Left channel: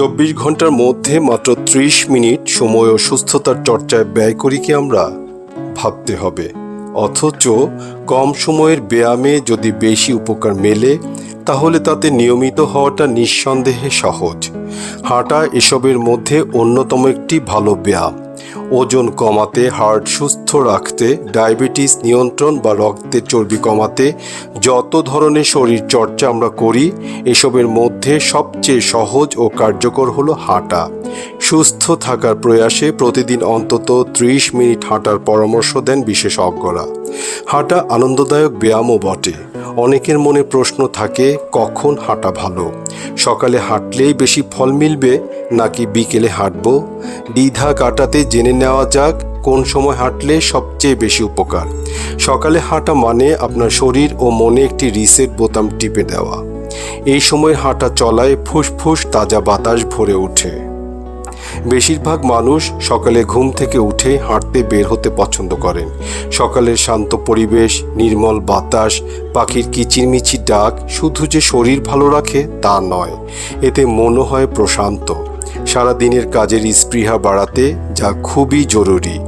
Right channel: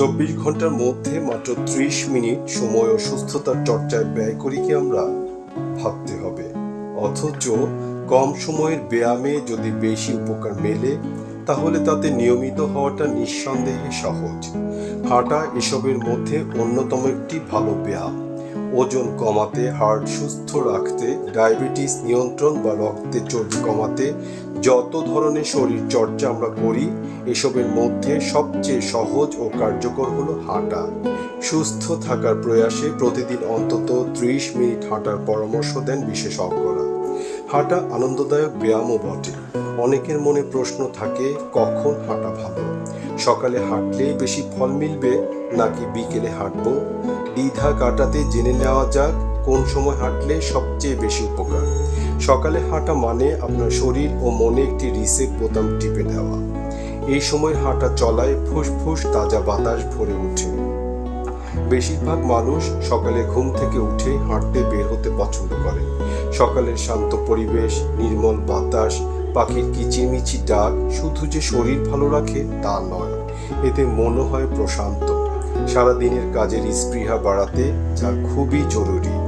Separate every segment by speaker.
Speaker 1: চব্বিশ ঘণ্টার মধ্যে মাত্র ত্রিশ মিনিট সময় ও সুস্থতার চর্চায় ব্যয় করি কি আমরা? ভাবতে হবে। অথচ কম সময়ের ব্যায়ামে যদি বেশি উপকার মেলে, তাহলে তাতে নিয়মিত হওয়াটা নিঃসন্দেহে সহজ। হাঁটা এসবের মধ্যে অন্যতম একটি ভালো ব্যায়াম। ওজন কমাতে হার্ট সুস্থ রাখতে, ডায়াবেটিস নিয়ন্ত্রণ বা রক্তের চর্বি কমাতে, যত ধরনের শরীর চর্চা আমরা করি, এসবের মধ্যে সবচেয়ে সহজ ও কার্যকর হলো হাঁটা। সুস্থ থাকার প্রয়াসে প্রতিদিন অন্তত ত্রিশ মিনিট হাঁটার পরামর্শ দেন বিশেষজ্ঞরা। হাঁটা আনন্দদায়ক ব্যায়ামও বটে। অনেকের মনে প্রশ্ন থাকে, কখন হাঁটা ভালো? সকালে হাঁটলেই বেশি ফল মিলবে, নাকি বিকেলে হাঁটব? দ্বিধা কাটাতে জেনে নেওয়া যাক, কোন সময় হাঁটলে সবচেয়ে বেশি উপকার। সকালে হাঁটা মানে আপনার শরীর ও মনে একটি রিসেট বোতাম টিপে দেওয়া। এই সময় হাঁটা চলায় ফুসফুস, তাজা বাতাস ভরে ওঠে। বেশিরভাগ মানুষ সকালে ঘুম থেকে উঠে হাঁটতে বের হতে পছন্দ করেন। সকালের শান্ত পরিবেশ, নির্মল বাতাস, পাখির কিচিরমিচির ডাক শুধু যে শরীর ভালো রাখে তা নয়, এতে মনও হয় প্রশান্ত। সারাদিনের কাজের স্পৃহা বাড়াতে যা খুবই জরুরি।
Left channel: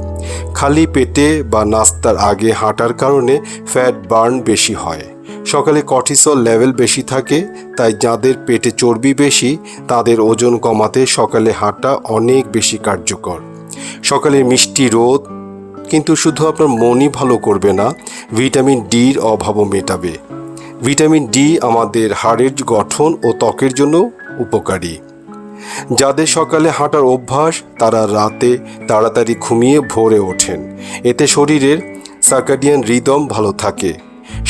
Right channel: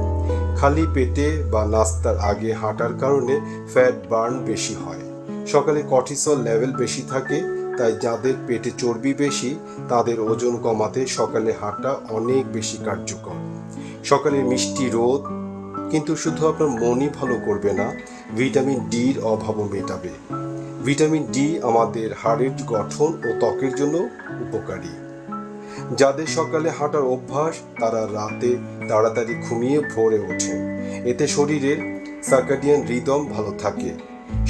Speaker 1: খালি পেটে বা নাস্তার আগে হাঁটার কারণে ফ্যাট বার্ন বেশি হয়। সকালে কর্টিসল লেভেল বেশি থাকে, তাই যাদের পেটে চর্বি বেশি, তাদের ওজন কমাতে সকালে হাঁটা অনেক বেশি কার্যকর। সকালে মিষ্টি রোদ, কিন্তু শুধু আপনার মনই ভালো করবে না, ভিটামিন ডির অভাবও মেটাবে। ভিটামিন ডি আমাদের হাড়ের গঠন ও ত্বকের জন্য উপকারী। যাদের সকালে হাঁটার অভ্যাস, তারা রাতে তাড়াতাড়ি ঘুমিয়ে ভোরে ওঠেন। এতে শরীরের সার্কাডিয়ান রিদম ভালো থাকে।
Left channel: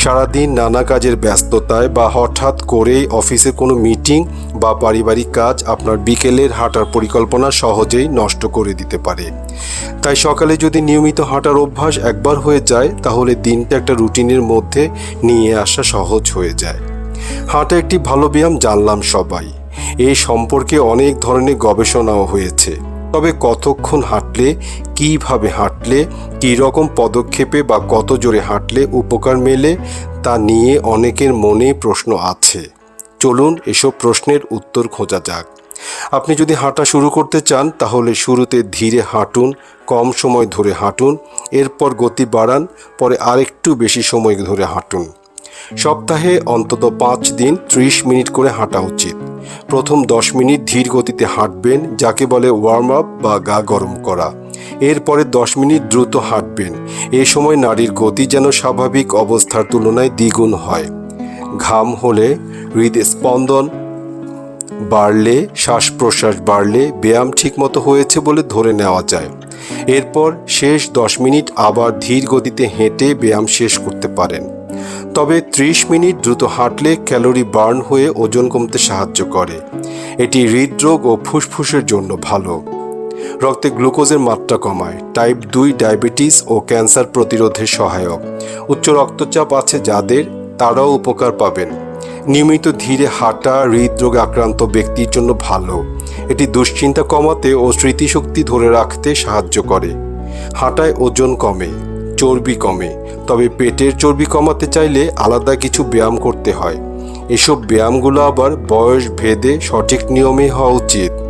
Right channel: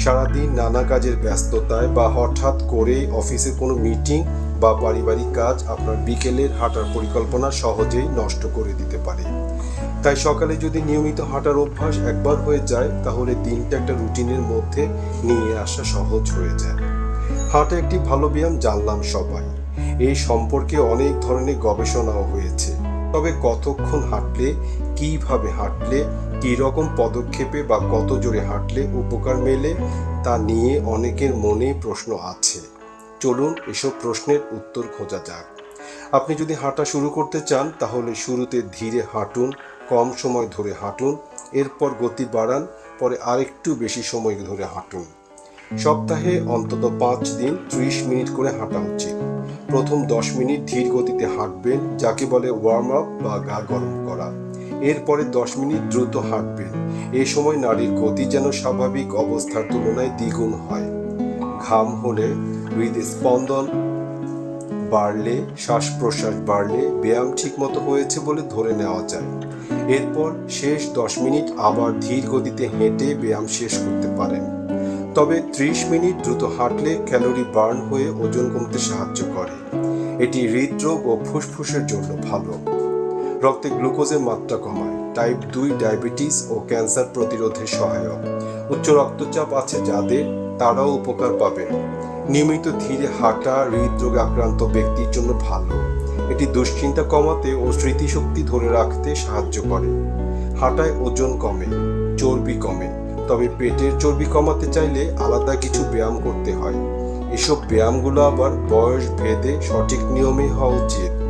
Speaker 1: সারাদিন নানা কাজের ব্যস্ততায় বা হঠাৎ করেই অফিসে কোনো মিটিং বা পারিবারিক কাজ আপনার বিকেলের হাঁটার পরিকল্পনা সহজেই নষ্ট করে দিতে পারে। তাই সকালে যদি নিয়মিত হাঁটার অভ্যাস একবার হয়ে যায়, তাহলে দিনটা একটা রুটিনের মধ্যে নিয়ে আসা সহজ হয়ে যায়। হাঁটা একটি ভালো ব্যায়াম জানলাম সবাই। এই সম্পর্কে অনেক ধরনের গবেষণাও হয়েছে। তবে কতক্ষণ হাঁটলে, কীভাবে হাঁটলে কী রকম পদক্ষেপে বা কত জোরে হাঁটলে উপকার মেলে তা নিয়ে অনেকের মনে প্রশ্ন আছে। চলুন এসব প্রশ্নের উত্তর খোঁজা যাক। আপনি যদি হাঁটা শুরু করতে চান, তাহলে শুরুতে ধীরে হাঁটুন, কম সময় ধরে হাঁটুন, এরপর গতি বাড়ান, পরে আরেকটু বেশি সময় ধরে হাঁটুন। সপ্তাহে অন্তত পাঁচ দিন ত্রিশ মিনিট করে হাঁটা উচিত। প্রথম দশ মিনিট ধীর গতিতে হাঁটবেন, যাকে বলে ওয়ার্ম আপ বা গা গরম করা। এরপরে দশ মিনিট দ্রুত হাঁটবেন। এই সময় নারীর গতি যেন স্বাভাবিক অবস্থার তুলনায় দ্বিগুণ হয়। ঘাম হলে হৃদস্পন্দন বাড়লে শ্বাস প্রশ্বাস বাড়লে ব্যায়াম ঠিকমতো হয়েছে বলে ধরে নেওয়া যায়। এরপর শেষ দশ মিনিট আবার ধীর গতিতে হেঁটে ব্যায়াম শেষ করতে পারেন। তবে ত্রিশ মিনিট দ্রুত হাঁটলে ক্যালোরি বার্ন হয়ে ওজন কমতে সাহায্য করে। এটি হৃদরোগ ও ফুসফুসের জন্য ভালো। রক্তে গ্লুকোজের মাত্রা কমায়। টাইপ দুই ডায়াবেটিস ও ক্যান্সার প্রতিরোধে সহায়ক। উচ্চ রক্তচাপ আছে যাদের, তারাও উপকার পাবেন। নিয়মিত ধীরে হাঁটা, হৃদরোগে আক্রান্ত ব্যক্তির জন্য ভালো। এটি দুশ্চিন্তা কমাতে ও স্মৃতিশক্তি ধরে রাখতে সাহায্য করে। হাঁটায় ওজন কমে, চর্বি কমে, তবে পেটের চর্বি কমাতে চাইলে আলাদা কিছু ব্যায়াম করতে হয়। এসব ব্যায়ামগুলো আবার বয়স ভেদে সঠিক নিয়মে হওয়া উচিত।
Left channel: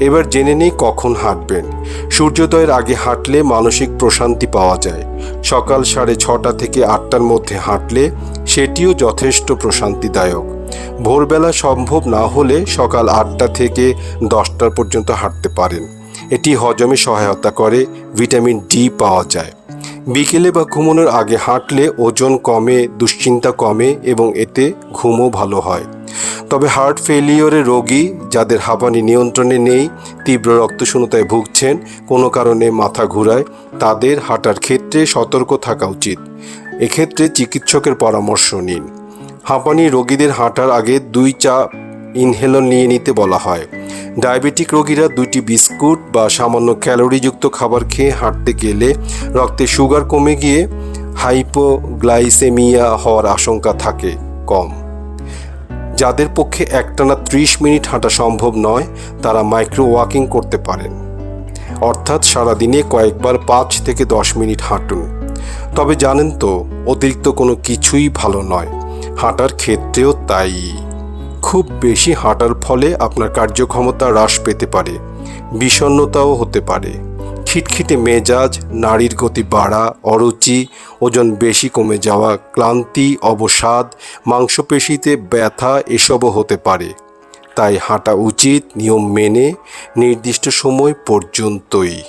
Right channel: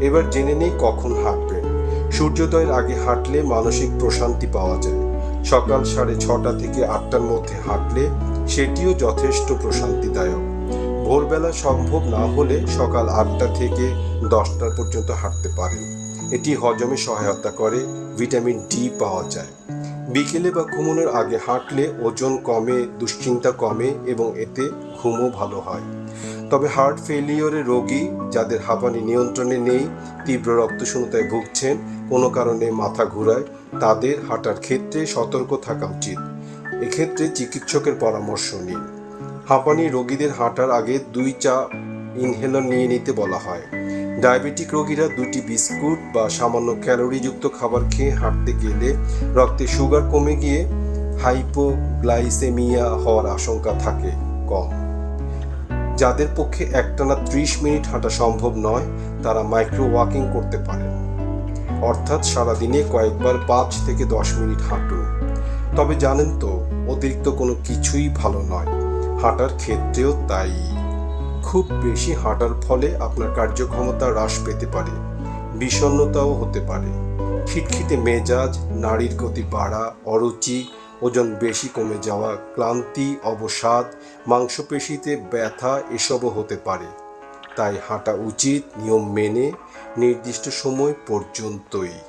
Speaker 1: এবার জেনে নিই কখন হাঁটবেন। সূর্যোদয়ের আগে হাঁটলে মানসিক প্রশান্তি পাওয়া যায়। সকাল সাড়ে ছটা থেকে আটটার মধ্যে হাঁটলে সেটিও যথেষ্ট প্রশান্তিদায়ক। ভোরবেলা সম্ভব না হলে সকাল আটটা থেকে দশটার পর্যন্ত হাঁটতে পারেন। এটি হজমে সহায়তা করে, ভিটামিন ডি পাওয়া যায়। বিকেলে বা ঘুমানোর আগে হাঁটলে ওজন কমে, দুশ্চিন্তা কমে এবং এতে ঘুমও ভালো হয়। তবে হার্ট ফেলিওরে রোগী যাদের হাঁপানি নিয়ন্ত্রণে নেই, তীব্র রক্তশূন্যতায় ভুগছেন, কোনো কারণে মাথা ঘুরায়, তাদের হাঁটার ক্ষেত্রে সতর্ক থাকা উচিত। এক্ষেত্রে চিকিৎসকের পরামর্শ নিন। হাঁপানি রোগীদের হাঁটার আগে দুই চা ইনহেলন নিয়ে নিতে বলা হয়। ডায়াবেটিক রোগীরা দুইটি বিস্কুট বা সামান্য ক্যালোরিযুক্ত খাবার খেয়ে হাঁটতে গেলে রক্তে সুগার কমে গিয়ে হাইপোগ্লাইসেমিয়া হওয়ার আশঙ্কা থাকে কম। যাদের পক্ষে একটানা ত্রিশ মিনিট হাঁটা সম্ভব নয়, তারা মাইক্রো ওয়াকিং করতে পারেন। অর্থাৎ সারাদিনে কয়েকবার পাঁচ থেকে দশ মিনিট হাঁটুন। তবে জানেন তো, অতিরিক্ত কোনো কিছুই ভালো নয়। হাঁটার ক্ষেত্রেও তাই। খুব বেশি হাঁটার ফলে আপনার কার্যক্ষমতা হ্রাস পেতে পারে, বিষণ্ণতাও হতে পারে। খিটখিটে মেজাজ, নারীর গতি বাড়া, অরুচি, ওজন বেশি কমে যাওয়া, ক্লান্তি, অবসাদ, মাংসপেশিতে ব্যথা এসবও হতে পারে। তাই হাঁটা উচিত নিয়ম মেনে নির্দিষ্ট সময় পর্যন্তই।